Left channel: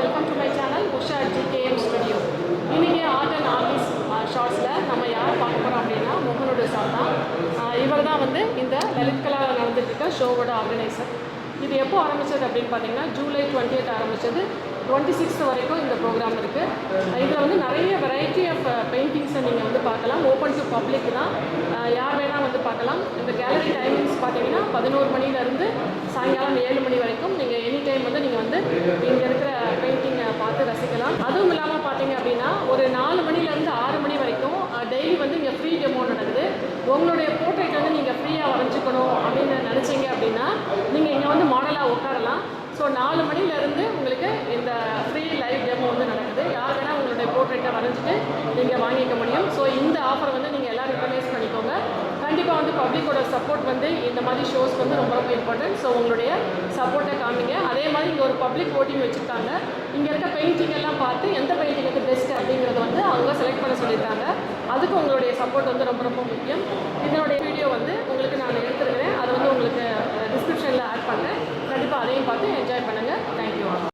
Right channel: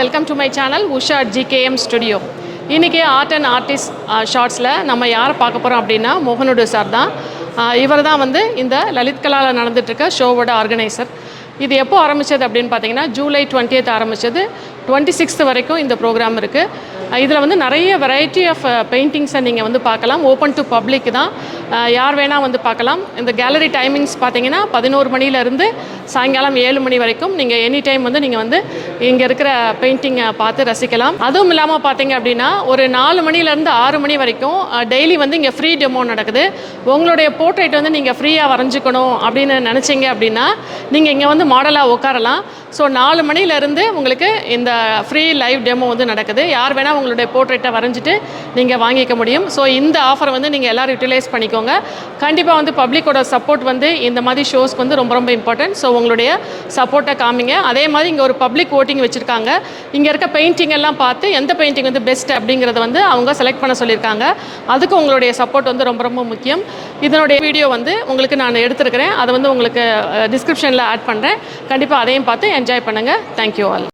Welcome to my channel Usha GKM studio. இன்றைக்கி art and artist ஷார்ட்ஸில் நம்ம யாரை பார்க்க போகிறோம் அப்படின்னா மோகனுடு சார் தான். இவர் தான் வந்து இந்த லலித் கலாவில் நடந்துகிட்ருக்க ஷோவோட ஆர்கனைசர். இது எப்போ ஆரம்பித்தது அப்படின்னு பார்த்தீங்கன்னா ஜூலை 20th ஆரம்பித்தது. 26th வரைக்கும் இந்த ப்ரோக்ராம் இருக்குது. இதில் வந்து நிறைய வெரைட்டி ஆஃப் பெயிண்டிங்ஸை நீங்கள் வந்து பார்க்கலாம். ஓப்பன் டு பப்ளிக் தான், யார் வேணால் வந்து பார்க்கலாம். இந்த கேலரி டைமிங்ஸ் பார்த்தீங்கன்னா 11 மணிலேருந்து சாயங்காலம் 7 மணி வரைக்கும் நீங்கள் எனி டைம் வந்து நீங்கள் வந்து இங்கே இருக்கிற பெயிண்டிங்கை பார்த்து ரசிக்கலாம். அதுவும் இல்லாமல் பார்த்தீங்க அப்படின்னா ஒரு 4 மணிலேருந்து 6 மணி வரைக்கும் டெய்லி வந்து இங்கே ஃப்ரீ டெமோ நடக்குது. உங்களுடைய போர்ட்ரேட் வந்து நீங்கள் ஃப்ரீயாக வரைஞ்சிக்கணும் அப்படின்னு நினச்சிங்க அப்படின்னா நீங்கள் இங்கே வந்து மாடலாக உட்காரலாம். ஸோ 4 மணிலேருந்து உங்களுக்கு இந்த ஃப்ரீ லைவ் டெமோ வந்து நடக்குது. யார் வேணால் உங்களுடைய போர்ட்ரேட்டை வரைஞ்சிட்டு நீங்கள் வாங்கிக்க முடியும். ஸோ இந்த ஆஃபரை வந்து நீங்கள் எல்லோரும் யூட்டிலைஸ் பண்ணிக்கோங்க. கண்டிப்பாக வந்து பப்ளிக்கோட சப்போர்ட் வந்து இந்த மாதிரி ஷோஸ்க்கு வந்து ரொம்ப ரொம்ப இம்பார்ட்டன்ட். ஸோ உங்களுடைய சப்போர்ட்டை காமிங்க. அதே மாதிரி இங்கே ஒரு பப்ளிக் ஓட்டிங் வச்சுருக்காங்க. இங்கே இருக்க பெயிண்டிங் எல்லாம் பார்த்து எந்த பெயிண்டிங் வந்து பெஸ்ட் அப்படிங்கிறத வந்து அவங்க செலக்ட் பண்ண சொல்லியிருக்காங்க. அதுக்கு உங்களுடைய சப்போர்ட் வந்து ரொம்ப ரொம்ப முக்கியம். இதனுடைய வீடியோ வந்து உங்களுக்கு நான் எடுத்துருக்கிறேன். அதை வந்து உங்களுக்கு டிஸ்கிரிப்ஷனில் ஆட் பண்ணுறேன். கண்டிப்பாக அதையும் பார்த்து என்ஜாய் பண்ணுங்கள். Thank you all.